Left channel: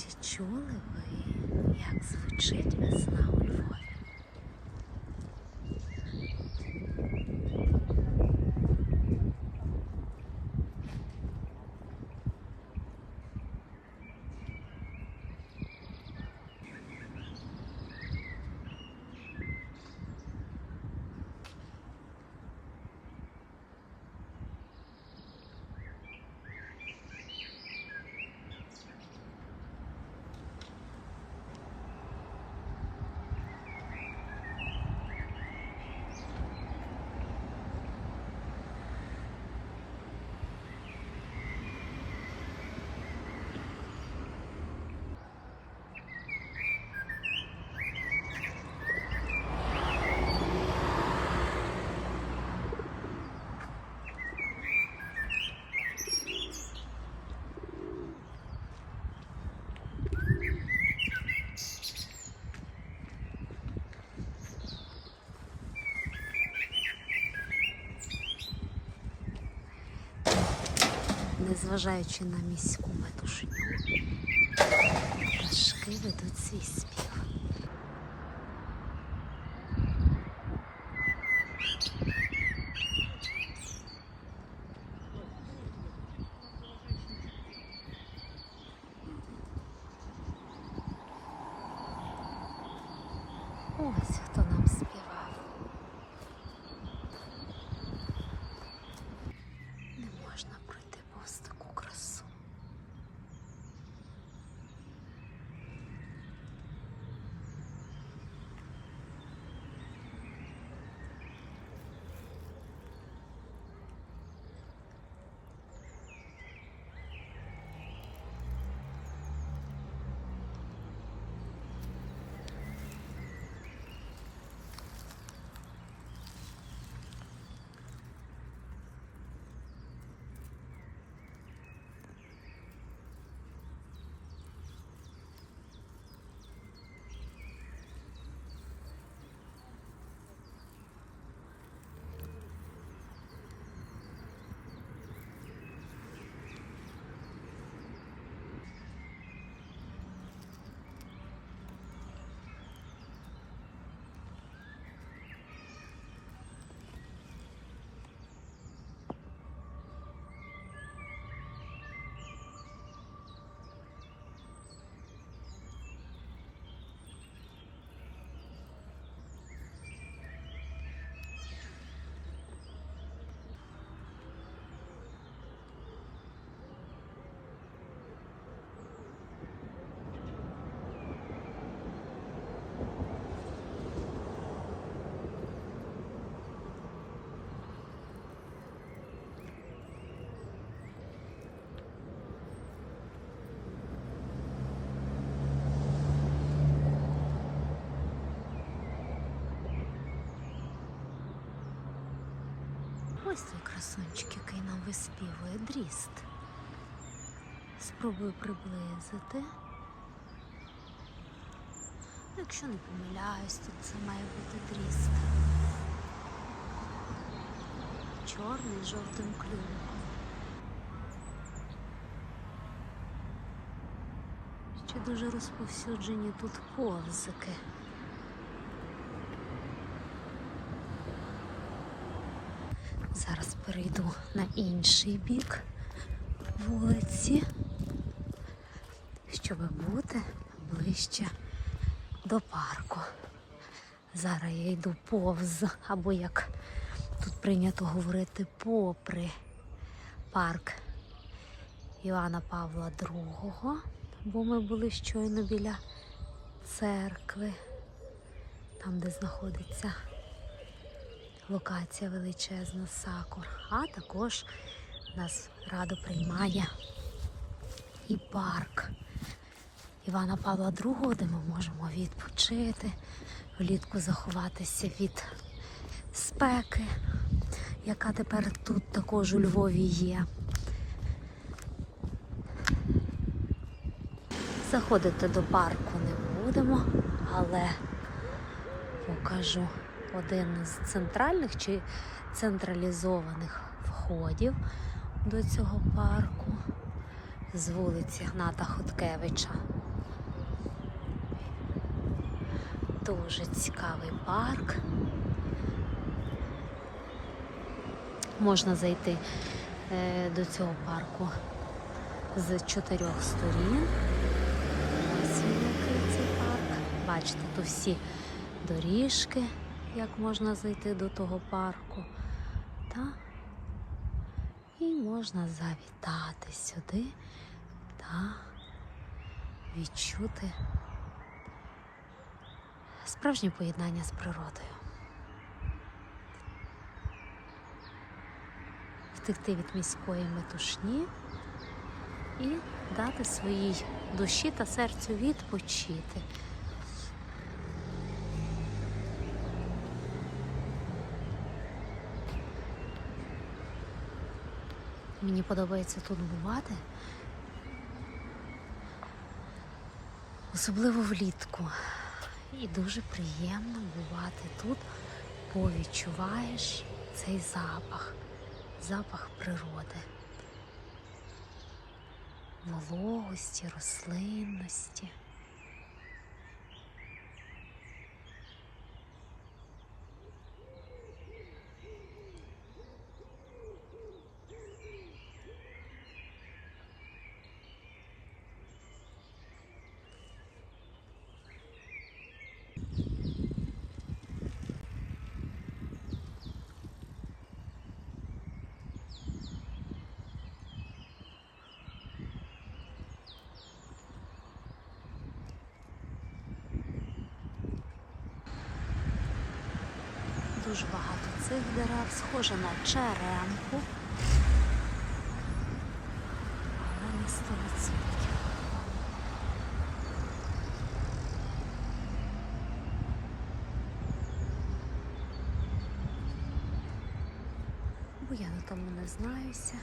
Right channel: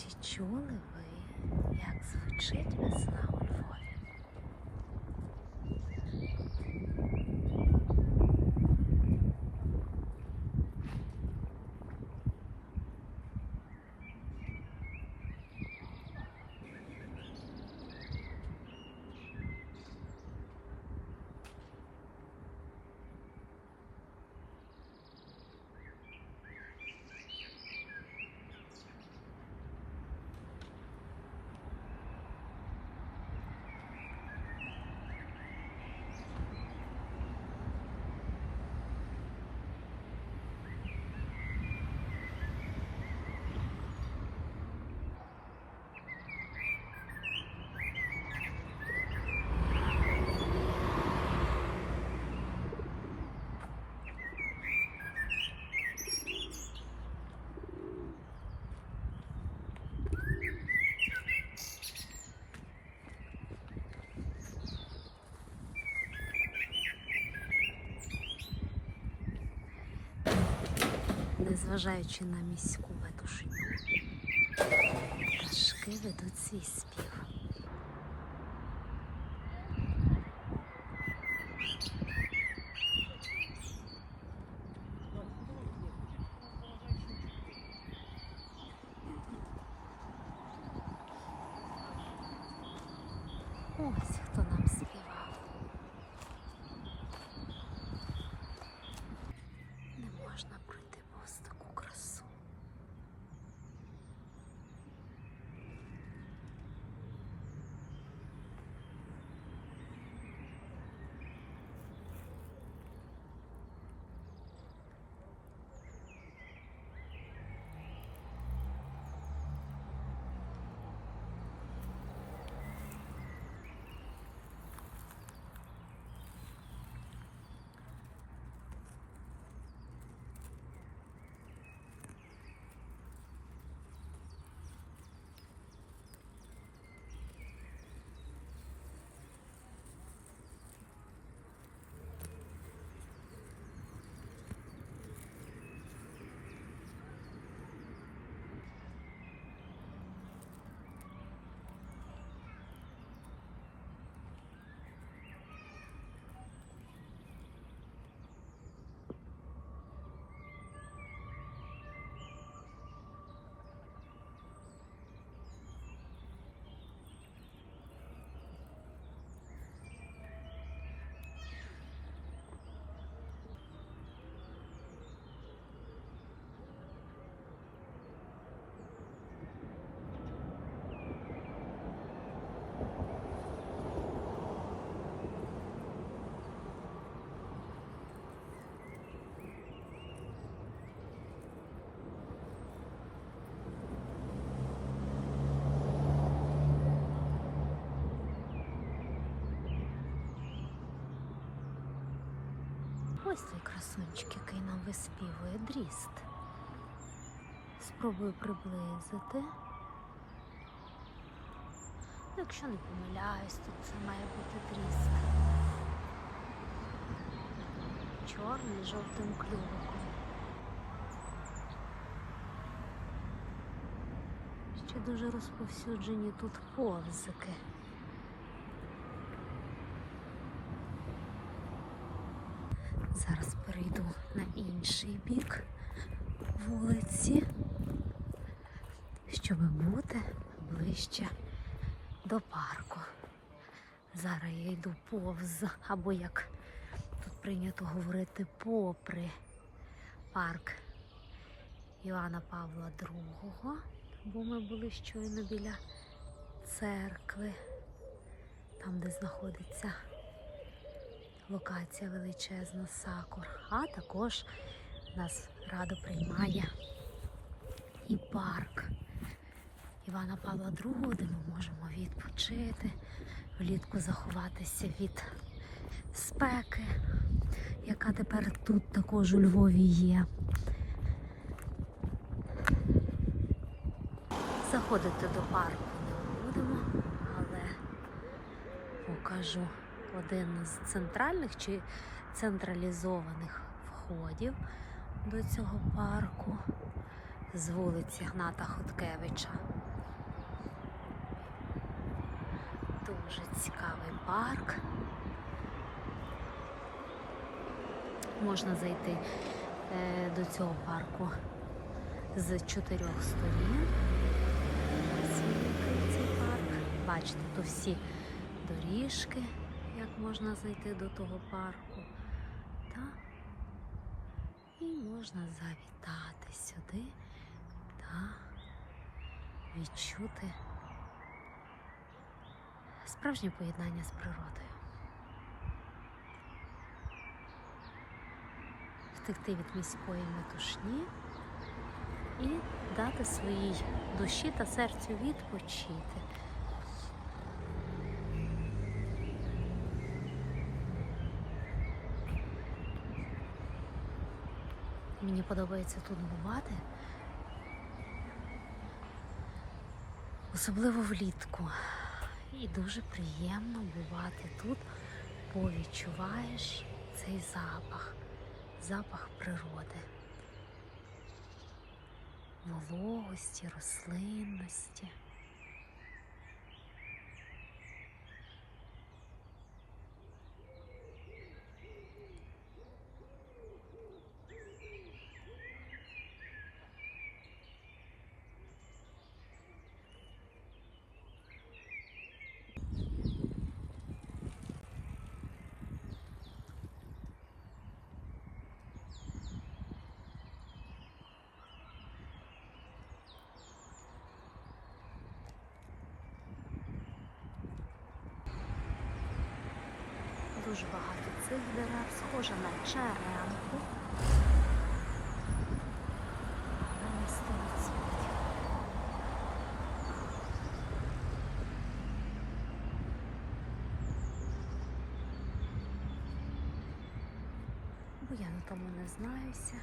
Чи чули ви, як звучить весна у Львові? Незважаючи на міську метушню, пташки ведуть свій спів. Ось хто нам співав. Ось той красунчик, який нам виспівує дріст. Спробую приблизити. Ну, Якщо не помиляюсь, тут це має бути дріст. Чорний з жовтим клювиком. Ще дуже розповсюджені тут повзики. Зараз перейду на інший бік вулиці, щоб бути ближче до парку. Зараз я йду повз, або як тут прийнято говорити, попри парк Івана Павла II, бо ми були щойно біля церкви, там, де знаходиться локація величезна сакур. А також нас радо приймає і парк Івана Павла II, де ми можемо відпочити, влітку заховатися від спеки, яка тепер тут також у Львові є. Заходити до парку не будемо, але покажу один з центральних чи централізованих входів до цього парку з вулиці Гната Хоткевича. Дуже цікавий парк. Можна зайти е, до цього парку з чотирьох сторін. Ось він який цей парк. Бачите, тут всі доріжки як можна зайти до того парку. Та? І можна завітати сюди та відчути справжнє поєднання з природою. Втекти від міської метушні і дати своїй душі та серцю відпочити. Мені подобається тут бувати. Особливо влітку. І дуже приємно бувати тут, бо відчуваєш цей запах, запах природи, вологості, рослинності. Дуже багато цих дерев, схоже на черемку, але не 100%. Бо я на тому не знаюся.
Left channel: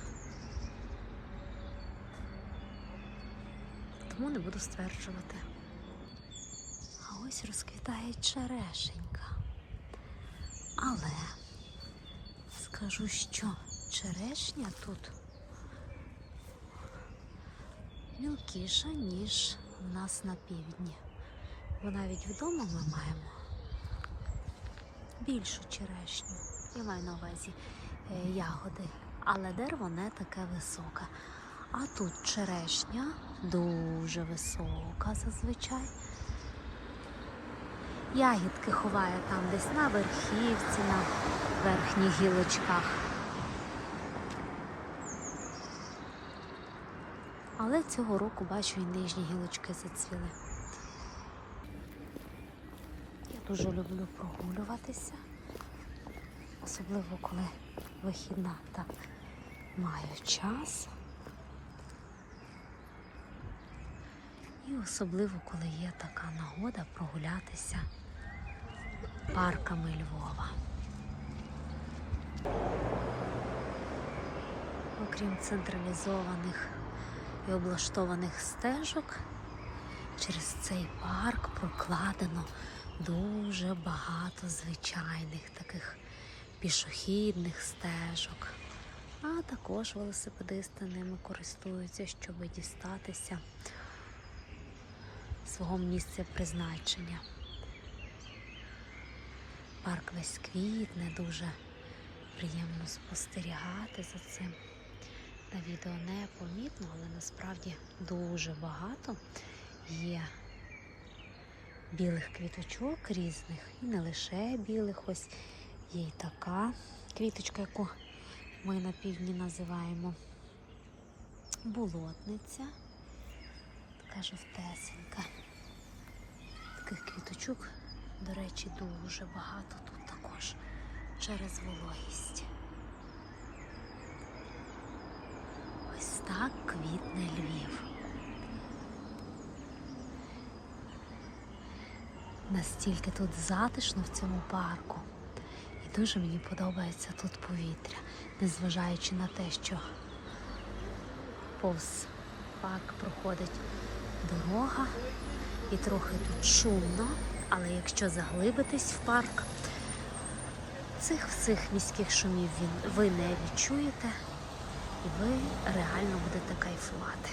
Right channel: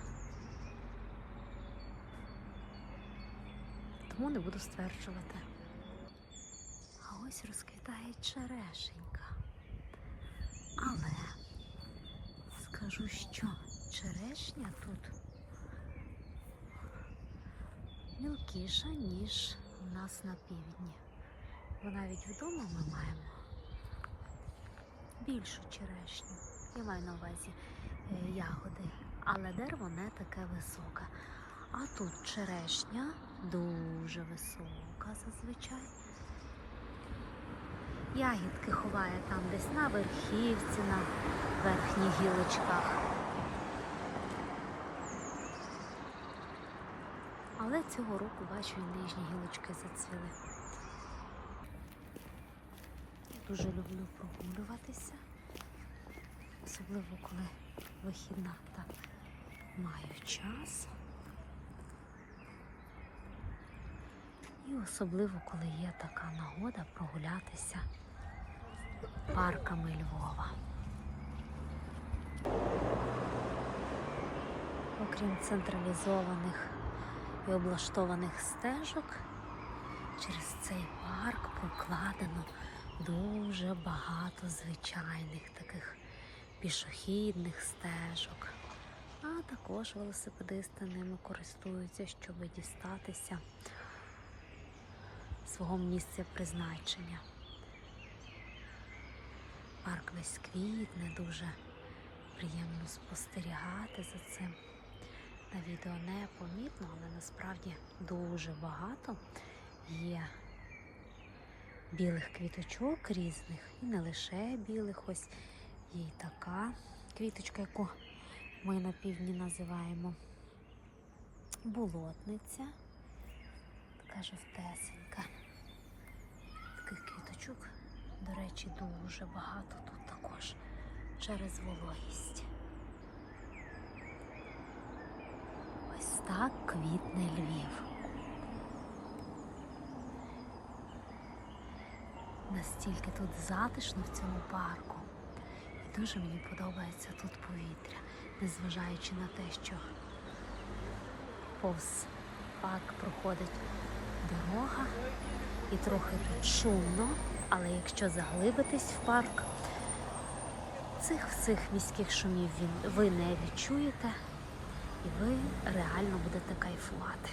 Тому не буду стверджувати. А ось розквітає черешенька. Але скажу, що черешня тут мілкіша, ніж в нас на півдні. Бо навіть вдома ми маємо більшу черешню. Я маю на увазі е, ягоди, але дерево не таке високе. А тут черешня дуже висока зазвичай. Ягідки ховає там десь на верхівці, на верхніх гілочках. Але цього року бачу і нижні гілочки зацвіли. Я дуже люблю прогулюватися, особливо коли вихідна та маю час. І особливо, коли є така нагода прогулятися парками Львова. Окрім централізованих і облаштованих стежок, через цей парк прокладено дуже багато звичайних таких пішохідних стежок. А також велосипедисти ними користуються, щоб дістатися свого місця призначення. Парк весь квітне, дуже приємно спостерігати за цим. На відео не помітно, але насправді дуже багато є білих квіточок різних, і не лише білих, ось є й така квіточка, яку ми на півдні називаємо болотниця. Така жовтесенька. Таких квіточок, до речі, дуже багато тут також через вологість. Ось так квітне Львів. Настільки тут затишно в цьому парку. І дуже мені подобається тут повітря, незважаючи на те, що повз парк проходить дорога і трохи тут шумно, але якщо заглибитись в парк, цих всіх міських шумів ви не відчуєте і ви реально будете кайфувати.